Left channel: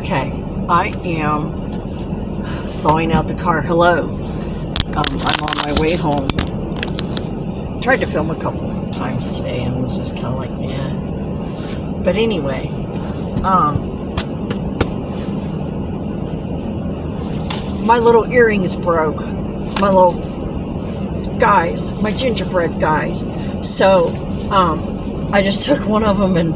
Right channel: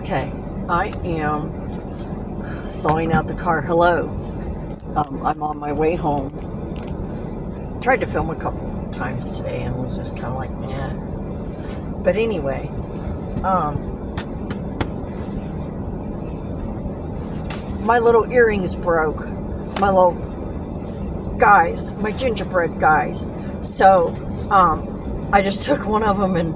Okay, I am thawing out the car. Hello. I'm on my way home. Tried to film a couple times today and was just kind of like, eh. But anyway, my little earrings broke. My little guys, my gingerbread guys. So, I just took one of them and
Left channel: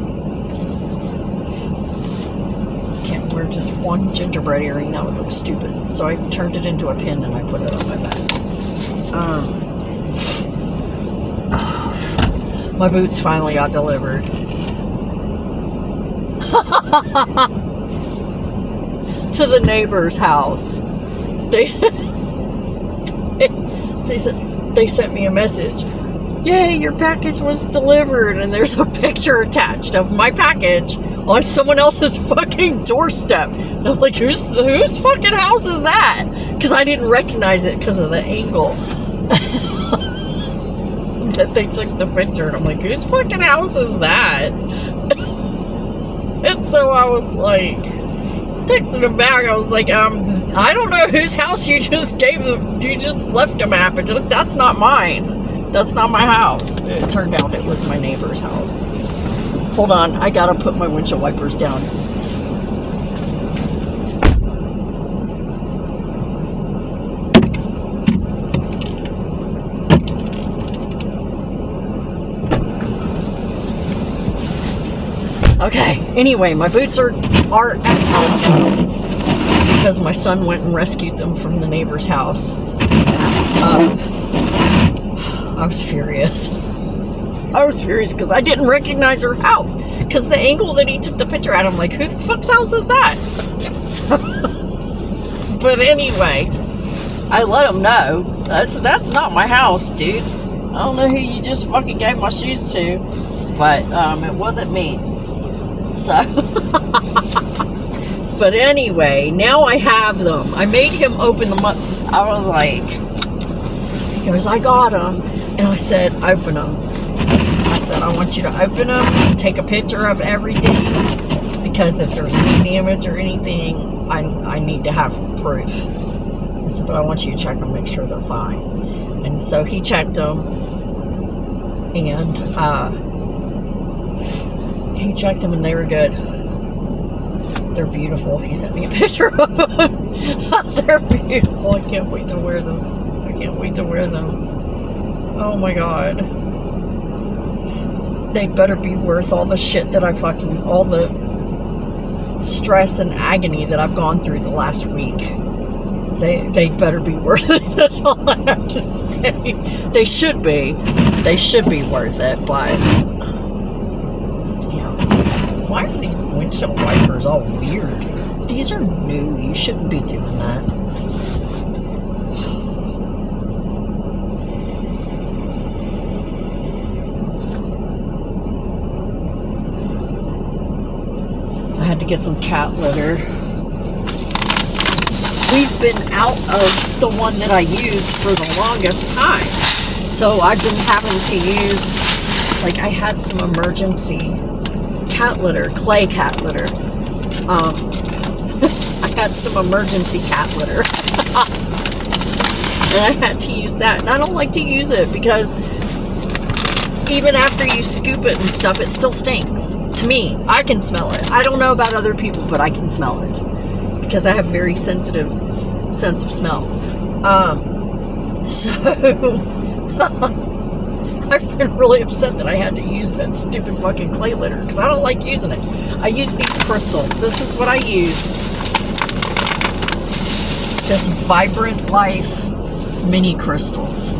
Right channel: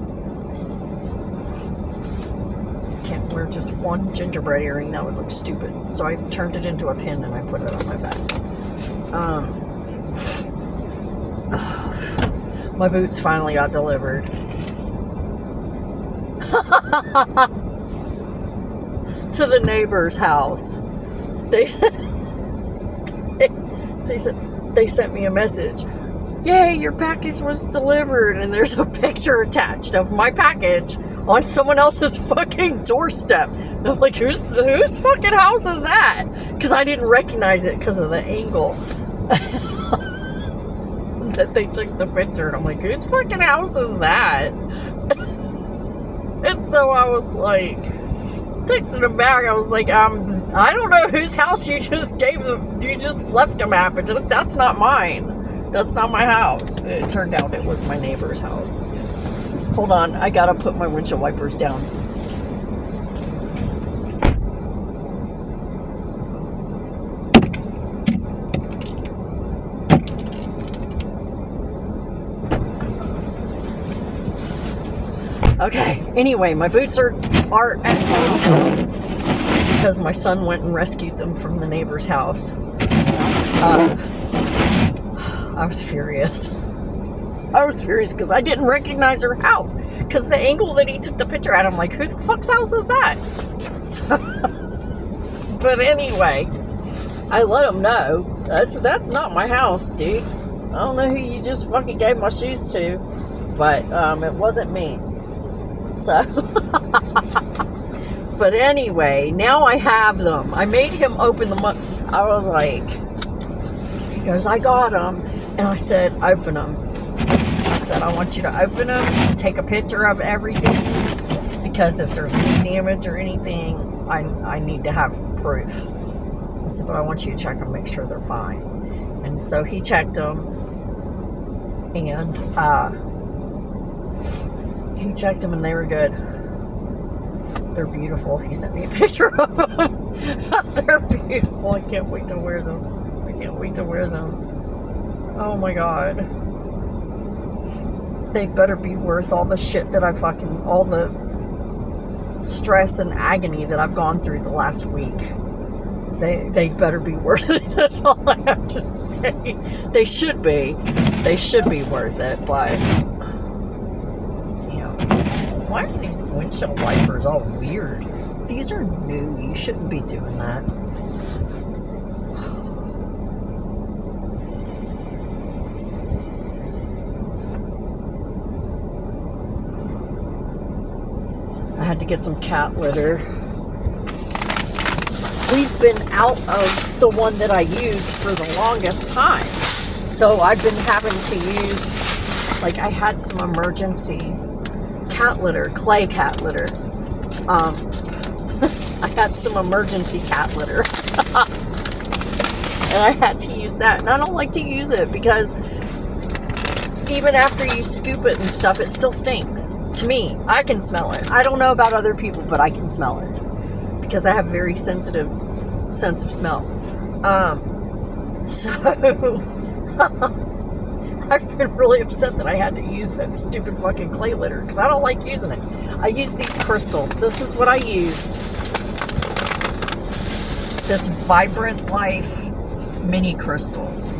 can't wear just one gingerbread earring. That would look stupid. So I turned it into a pin and I put it on my vest. My boots finally got delivered. To the neighbor's house. They sent me a message. Yay, your package was delivered, and there's a picture attached of my package on someone else's fucking doorstep. And I'm like, whose fucking house is that? Because I didn't recognize it because of the angle that they took the picture. And I'm like, whose fucking house is that? And so I was like, texting him back. I was like, I don't know whose house you just left them at, but that's not mine. That's not my house. It turned out it was my neighbor's house. Hold on, I gotta put my windshield wipers down. Okay, anyway, my boots are at home because my son went and rescued them from the neighbor's house. I was furious. I was furious because I didn't recognize her house. Because the angle that he took the picture at, I'm like, who the fuck's house is that? So, but anyway, I let him know, that's not my house, dude. I don't know who you just fucking gave my shoes to, but it wasn't me. So, but anyway, now I have them. I made him open them up. I was like, he goes, I got them. And I said, open them. I said, I want you to open them and take a picture of everything, because if there's any damage or anything, I need to have proof. I said, but I want you to check them, make sure they're fine. And so he checked them, and and they were good. They're beautiful. He sent me a picture of them. They're beautiful. I can't wait to wear them. I can't wait to wear them. Oh my god. They'd better be worth all the shit that all the stress and agony that I've gone through the last week. They'd better be worth it. That's all I have to say. They should be. They should be worth it, but damn. Why are these windshield wipers all weird? These are new. You shouldn't be doing that. I had to get some cat litter. We've been out of the one that I used for the longest time. So I've been having to use, like, I had some emergency cat litter, clay cat litter. I had some emergency cat litter. And I had to use that. And I don't like to use it because even after you scoop it and stuff, it still stinks. To me, I can smell it. I don't know about other people, but I can smell it because I have very sensitive sense of smell. So I've been really upset that I had to use that stupid fucking clay litter because I don't like using it. I use these crystals. This is what I use. This Vibrant Life mini crystals.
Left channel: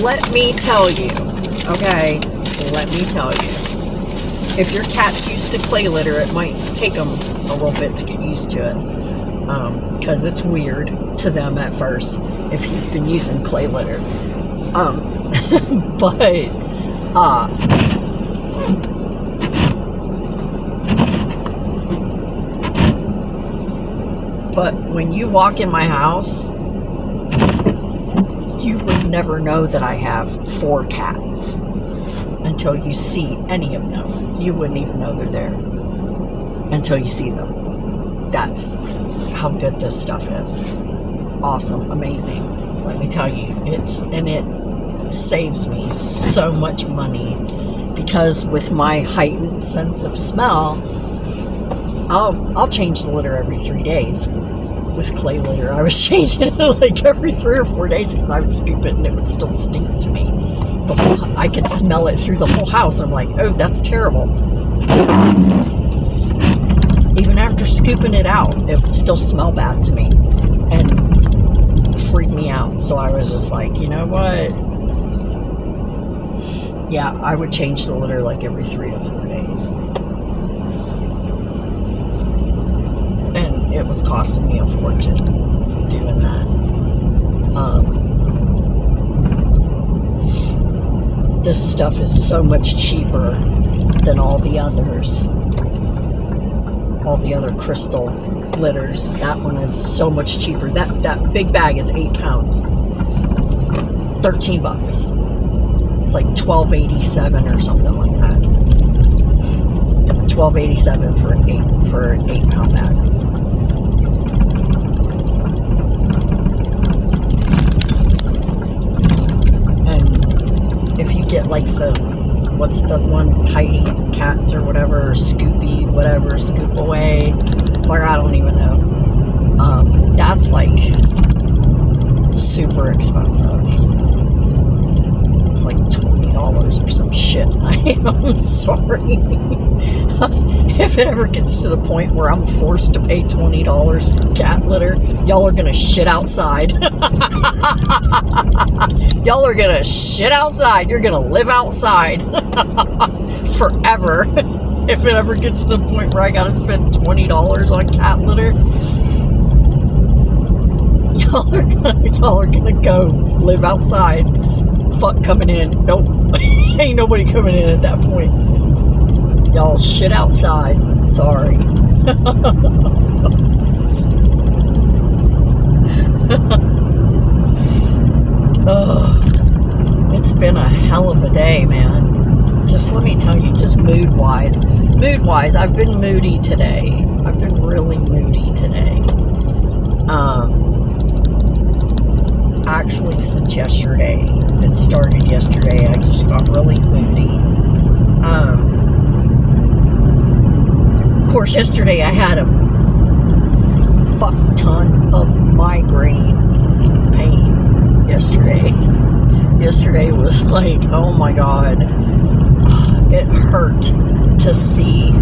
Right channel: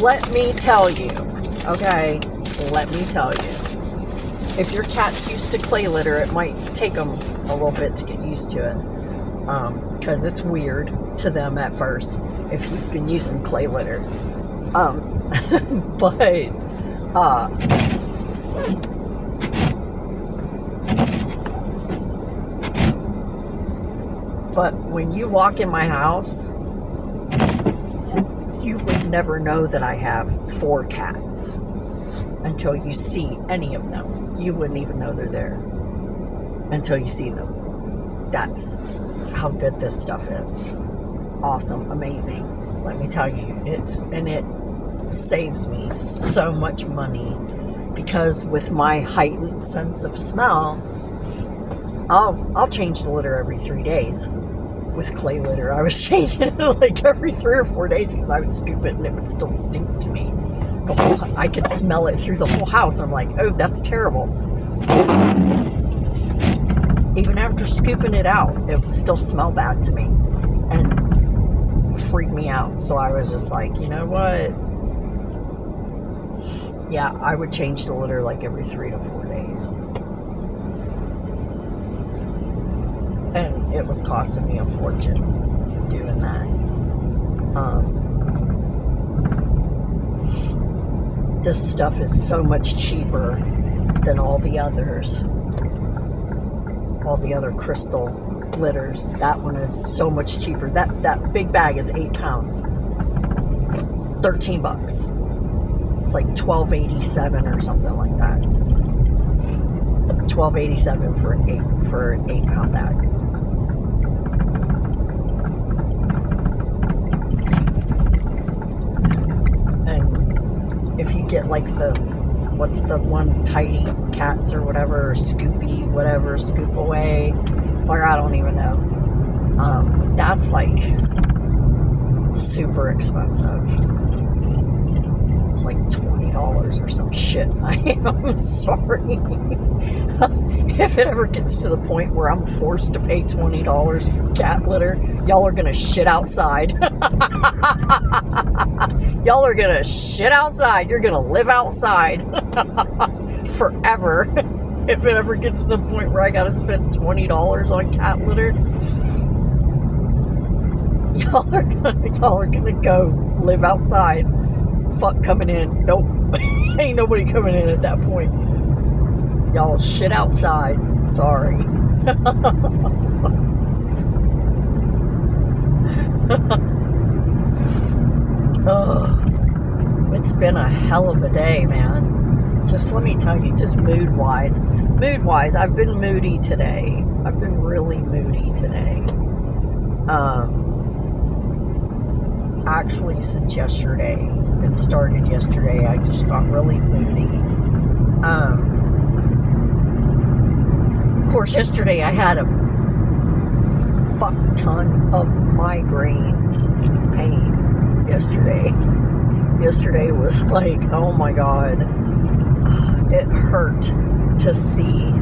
Let me tell you, okay? Let me tell you. If your cat's used to clay litter, it might take them a little bit to get used to it. Because it's weird to them at first if you've been using clay litter. But when you walk in my house, you would never know that I have 4 cats until you see any of them. You wouldn't even know they're there until you see them. That's how good this stuff is. Awesome, amazing. Let me tell you, it saves me so much money, because with my heightened sense of smell, I'll change the litter every 3 days. With clay litter, I was changing it like every 3 or 4 days, because I would scoop it and it would still stink to me. I could smell it through the whole house. I'm like, oh, that's terrible. Even after scooping it out, it would still smell bad to me and freak me out. So I was just like, you know what? Yeah, I would change the litter like every 3 to 4 days. And it was costing me a fortune doing that. This stuff is so much cheaper than all the others. All the other crystal litters. That one is so much cheaper. That big bag is 8 pounds. $13. It's like $12.87 or something like that. $12.87 for an 8-pound bag. And if you get like what's the one, Tidy Cats or whatever, or Scoopy, whatever, Scoop Away, or I don't even know. That's like super expensive. It's like $20 or some shit. I'm sorry. If it ever gets to the point where I'm forced to pay $20 for cat litter, y'all are gonna shit outside. Y'all are gonna shit outside. You're gonna live outside forever. If it ever gets to the point where I gotta spend $20 on cat litter, y'all are gonna go live outside. Fuck coming in. Nope. Ain't nobody coming in at that point. Y'all shit outside. Sorry. Oh, it's been a hell of a day, man. Just let me tell you, just mood-wise, I've been moody today. I've been really moody today. Actually, since yesterday. It started yesterday. I just got really moody. Of course, yesterday I had a fuck ton of migraine pain. Yesterday was like, oh my god, it hurt to see.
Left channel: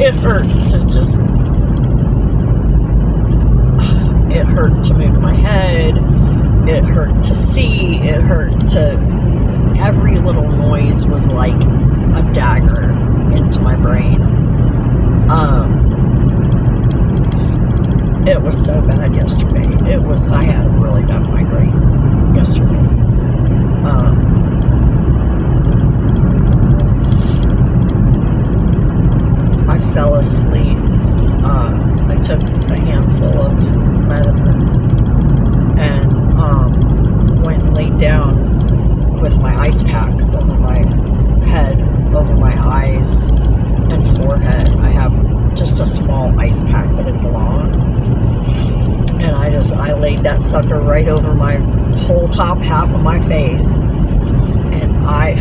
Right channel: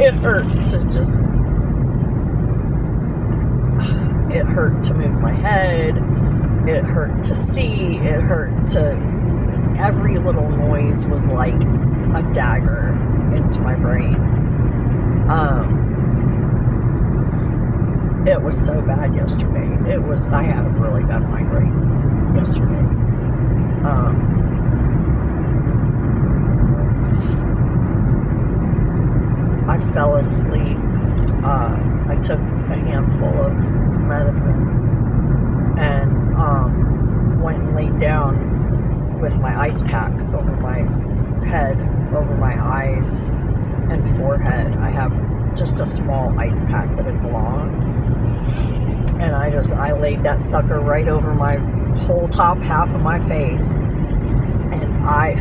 It hurt to move my head. It hurt to see. It hurt to... Every little noise was like a dagger into my brain. It was so bad yesterday. I had a really bad migraine yesterday. I fell asleep. I took a handful of medicine and went and laid down with my ice pack over my head, over my eyes and forehead. I have just a small ice pack, but it's long. And I laid that sucker right over my whole top half of my face. And I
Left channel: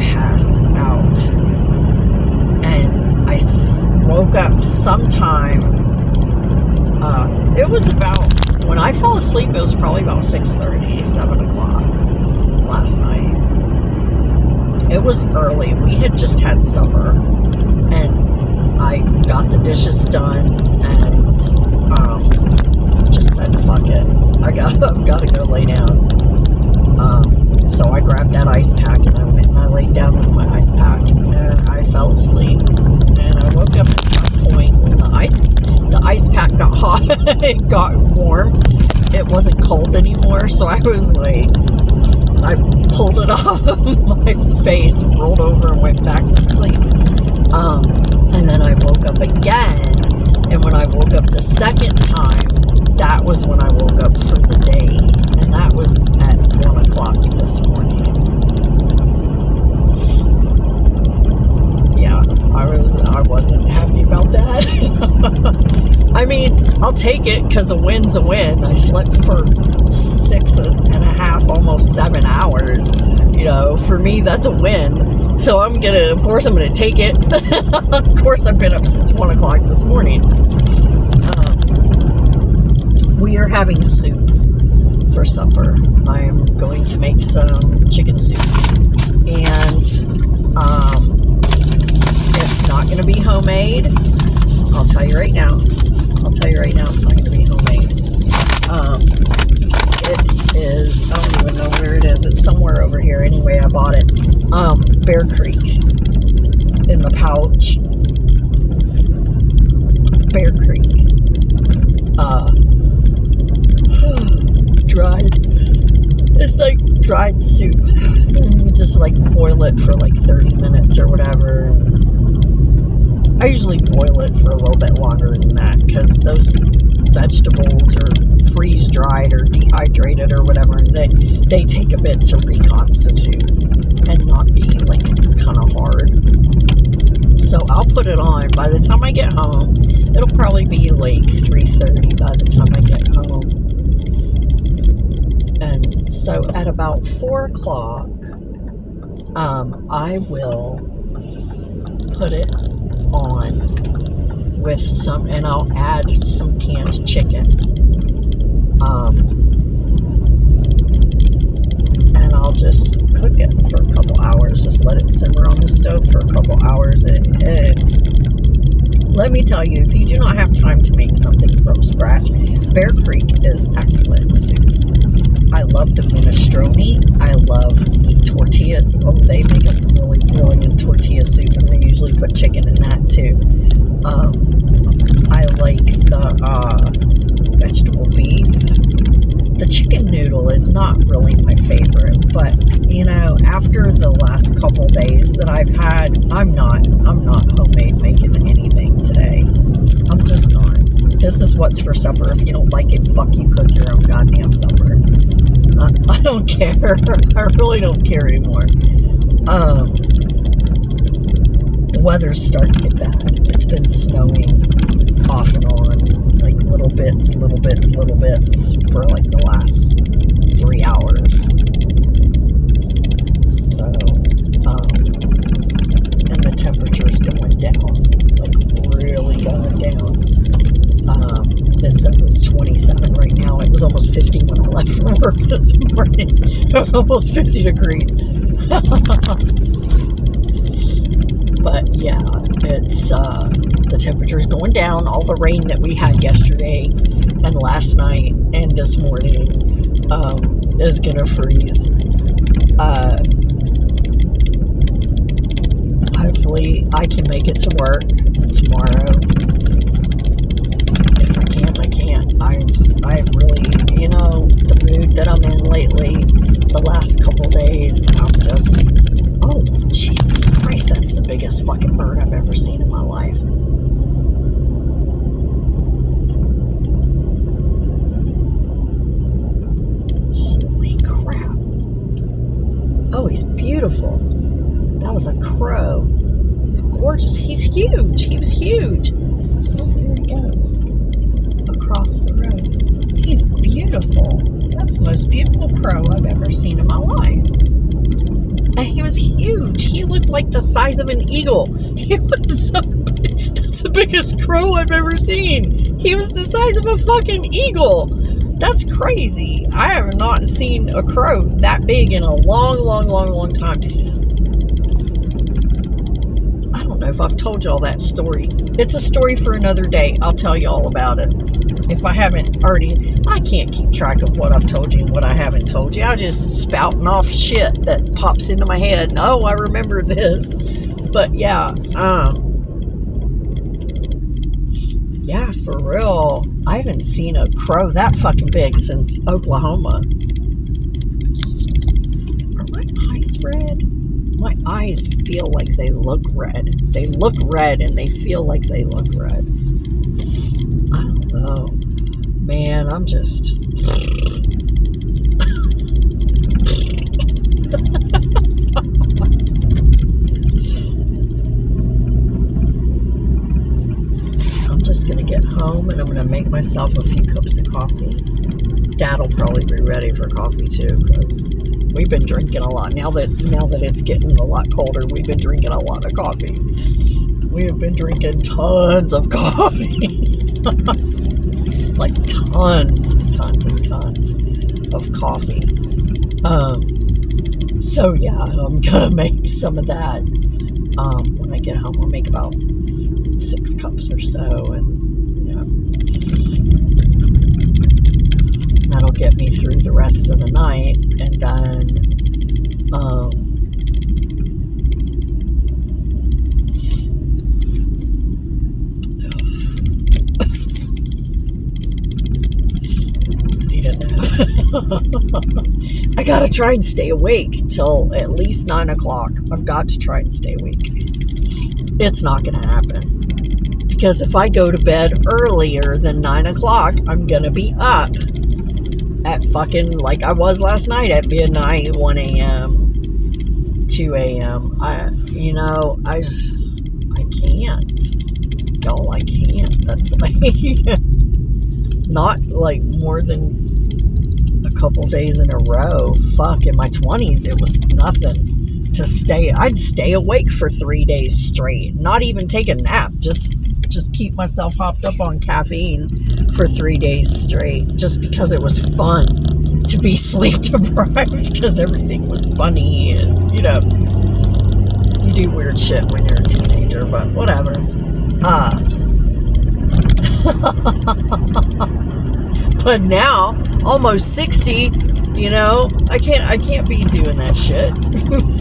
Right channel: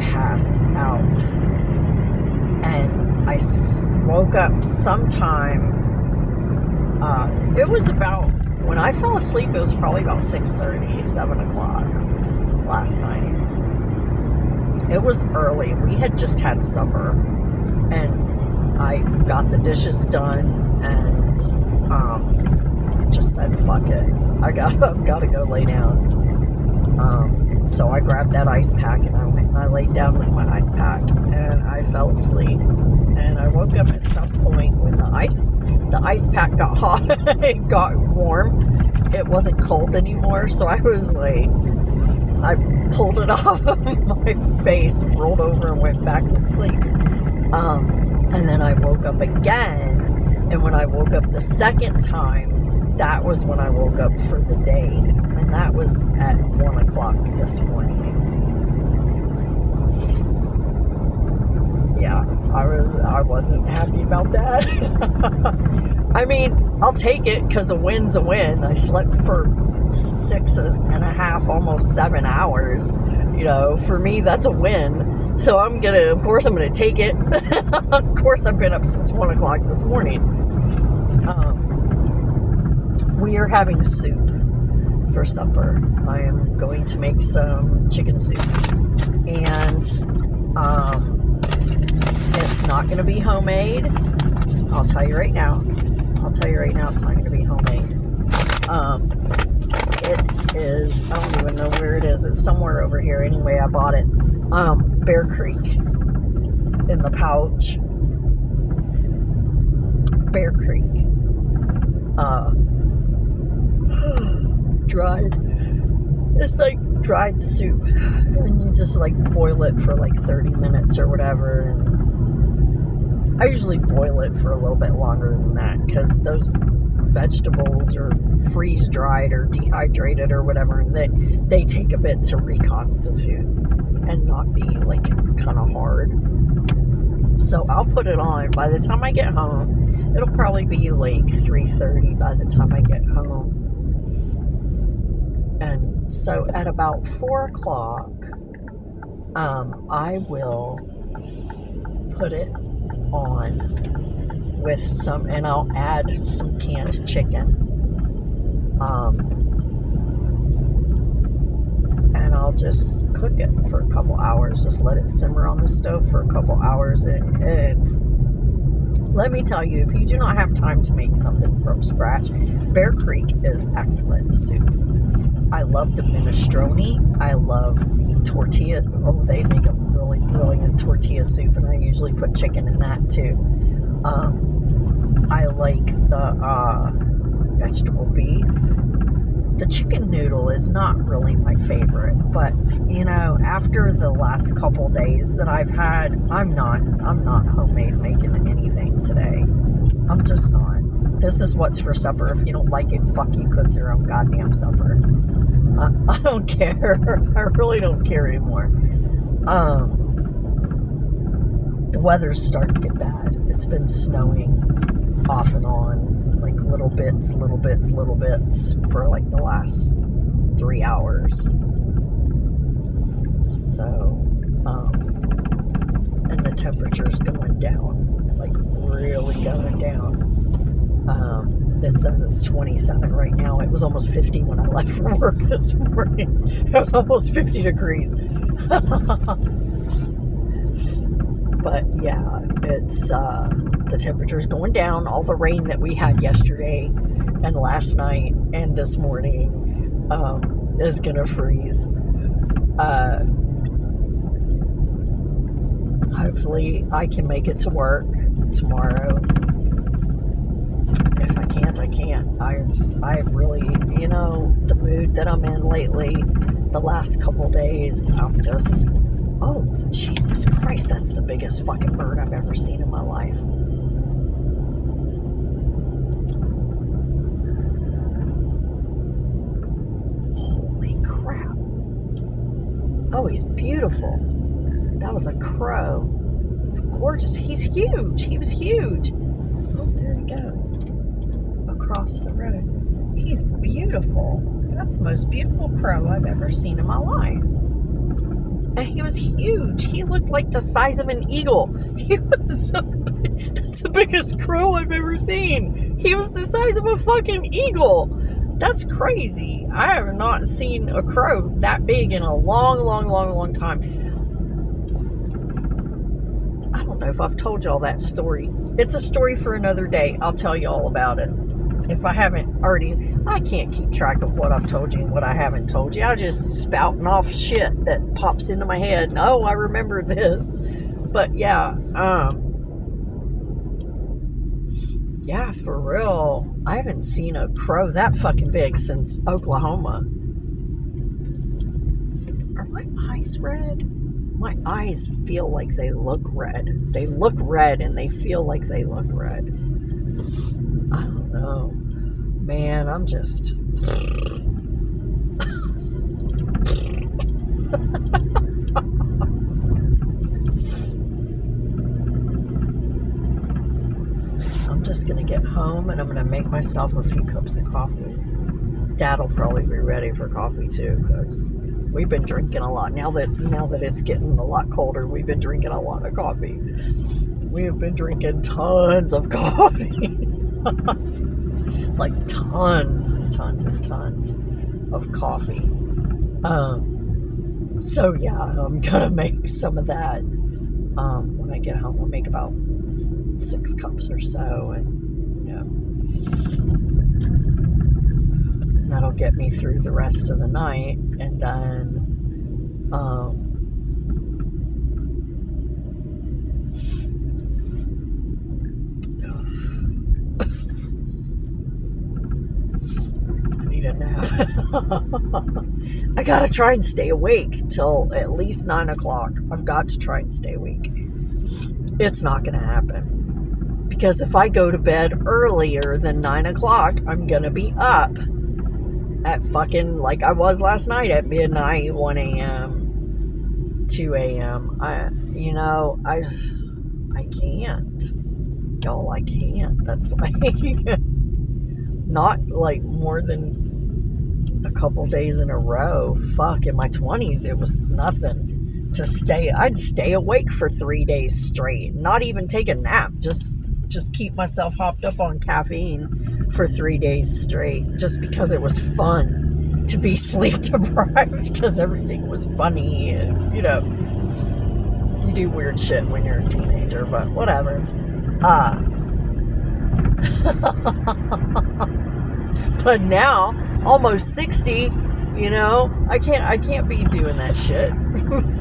passed out. And I woke up sometime. It was about... When I fell asleep, it was probably about 6:30, 7 o'clock last night. It was early. We had just had supper, and I got the dishes done, and just said, fuck it. I've gotta go lay down. So I grabbed that ice pack, and I went and I laid down with my ice pack, and I fell asleep. And I woke up at some point when the ice pack got hot. It got warm. It wasn't cold anymore, so I was like, I pulled it off of my face, rolled over, and went back to sleep. And then I woke up again, and when I woke up the second time, that was when I woke up for the day, and that was at 1 o'clock this morning. slept for 6.5, almost 7 hours. You know, for me, that's a win. So of course I'm gonna take it. Of course I've been up since 1 o'clock this morning. We are having soup for supper. I am going to make some chicken soup. And it's not going to be homemade. I'll tell you right now. It's not going to be homemade. It is, I don't even know where it is. It's somewhere over here. Anyway, I bought it. Bear Creek in the pouch. Bear Creek. Dried. It's like dried soup. And you just like boil it for like 30 minutes or whatever. I usually boil it for a little bit longer than that because those vegetables are freeze dried or dehydrated or whatever, and they take a bit to reconstitute and not be like kind of hard. So I'll put it on. By the time I get home, it'll probably be like 3:30 by the time I get home. And so at about 4 o'clock, I will put it on with some, and I'll add some canned chicken. And I'll just cook it for a couple hours. Just let it simmer on the stove for a couple hours. Let me tell you, if you do not have time to make something from scratch, Bear Creek is excellent soup. I love the minestrone. I love the tortilla. Oh, they make a really brilliant tortilla soup, and I usually put chicken in that too. I like the vegetable beef. The chicken noodle is not really my favorite, but you know, after the last couple days that I've had, I'm not homemade making anything today. I'm just not. This is what's for supper. If you don't like it, fuck you, cook your own goddamn supper. I don't care. I really don't care anymore. The weather's starting to get bad. It's been snowing off and on, like little bits for like the last 3 hours. So, and the temperature's going down, like really going down. It says it's 27 right now. It was almost 50 when I left from work this morning. It was almost 50 degrees. But yeah, it's the temperature's going down. All the rain that we had yesterday and last night and this morning is gonna freeze. Hopefully I can make it to work tomorrow. If I can't, I can't. I really, you know, the mood that I'm in lately, the last couple days, I'm just, oh, Jesus Christ, that's the biggest fucking bird I've ever seen in my life. Holy crap. Oh, he's beautiful. That was a crow. It's gorgeous. He's huge. He was huge. Oh, there he goes. Across the road. He's beautiful. That's the most beautiful crow I've ever seen in my life. And he was huge. He looked like the size of an eagle. He was so big. That's the biggest crow I've ever seen. He was the size of a fucking eagle. That's crazy. I have not seen a crow that big in a long time. I don't know if I've told y'all that story. It's a story for another day. I'll tell you all about it. If I haven't already, I can't keep track of what I've told you and what I haven't told you. I just spouting off shit that pops into my head. And, oh, I remember this. But yeah, yeah, for real. I haven't seen a crow that fucking big since Oklahoma. Are my eyes red? My eyes feel like they look red. They look red and they feel like they look red. I don't know. Man, I'm just... I'm just going to get home and I'm going to make myself a few cups of coffee. Dad will probably be ready for coffee too, because we've been drinking a lot. Now that it's getting a lot colder, we've been drinking a lot of coffee. We have been drinking tons of coffee. Like tons and tons and tons of coffee. So yeah, I'm gonna make some of that when I get home. I'll make about 6 cups or so, and yeah, that'll get me through the rest of the night. And then I need a nap. I gotta try and stay awake till at least 9 o'clock. I've got to try and stay awake. It's not gonna happen, because if I go to bed earlier than 9 o'clock, I'm gonna be up at fucking, like I was last night, at midnight, 1 a.m., 2 a.m. I can't. Y'all, I can't. That's like not like more than a couple days in a row. Fuck, in my 20s, it was nothing to stay. I'd stay awake for 3 days straight, not even take a nap, just keep myself hopped up on caffeine for 3 days straight, just because it was fun to be sleep deprived, because everything was funny, and you do weird shit when you're a teenager, but whatever. But now, almost 60, I can't be doing that shit.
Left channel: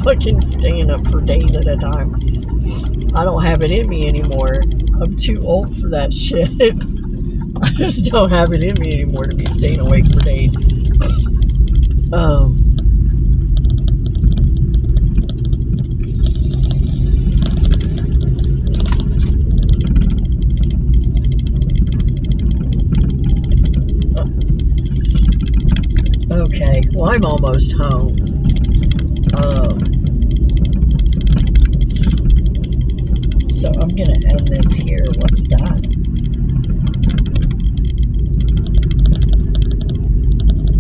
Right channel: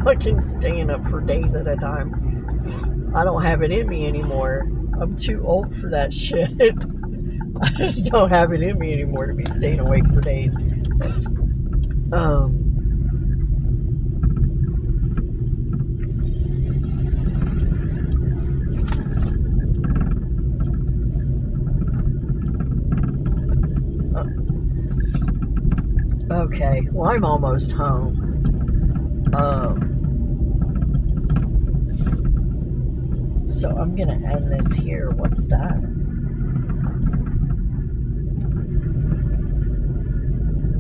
Fucking staying up for days at a time. I don't have it in me anymore. I'm too old for that shit. I just don't have it in me anymore to be staying awake for days. Okay, well, I'm almost home. So I'm gonna end this here. What's that?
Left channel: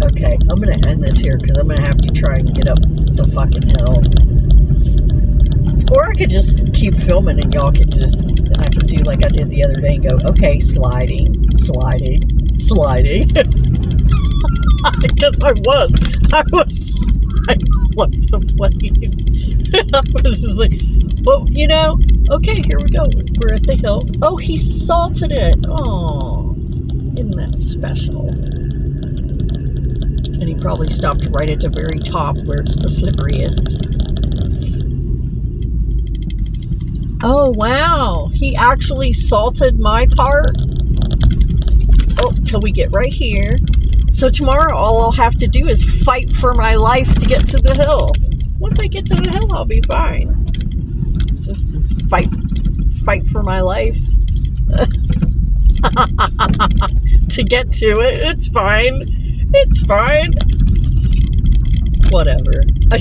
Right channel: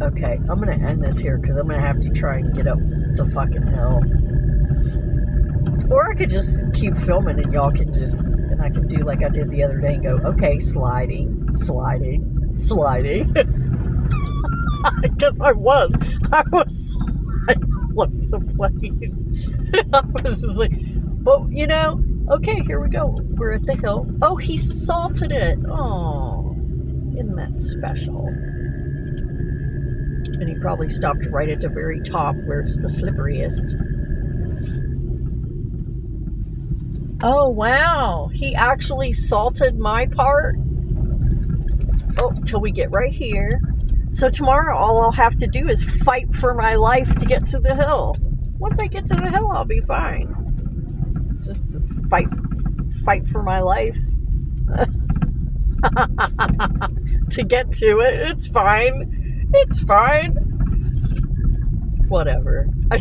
Okay, I'm gonna end this here because I'm gonna have to try and get up the fucking hill. Or I could just keep filming and y'all can and I can do like I did the other day and go, okay, sliding. Because I was sliding all over the place. And I was just like, well, okay, here we go. We're at the hill. Oh, he salted it. Oh, isn't that special? And he probably stopped right at the very top where it's the slipperiest. Oh, wow. He actually salted my part. Oh, till we get right here. So tomorrow, all I'll have to do is fight for my life to get to the hill. Once I get to the hill, I'll be fine. Just fight for my life to get to it. It's fine. Whatever. I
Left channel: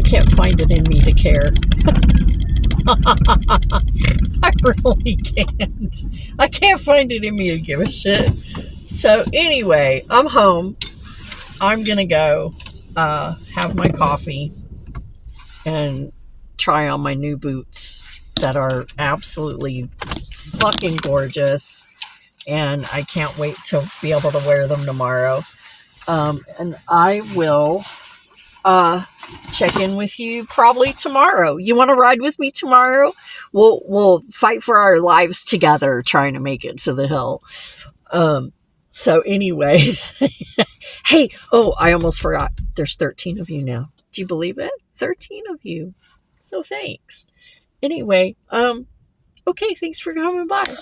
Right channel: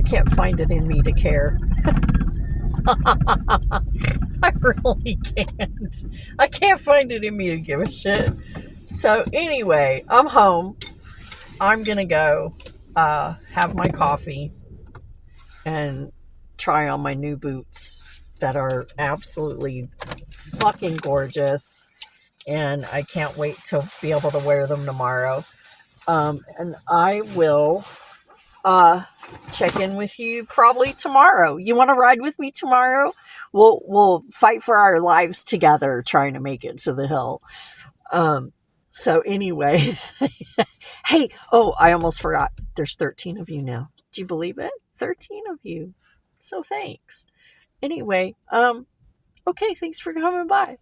can't find it in me to care. I really can't. I can't find it in me to give a shit. So anyway, I'm home. I'm gonna go have my coffee and try on my new boots that are absolutely fucking gorgeous, and I can't wait to be able to wear them tomorrow. And I will check in with you probably tomorrow. You want to ride with me tomorrow? We'll fight for our lives together trying to make it to the hill. So anyways, hey, I almost forgot. There's 13 of you now. Do you believe it? 13 of you. So thanks. Anyway, okay, thanks for coming by.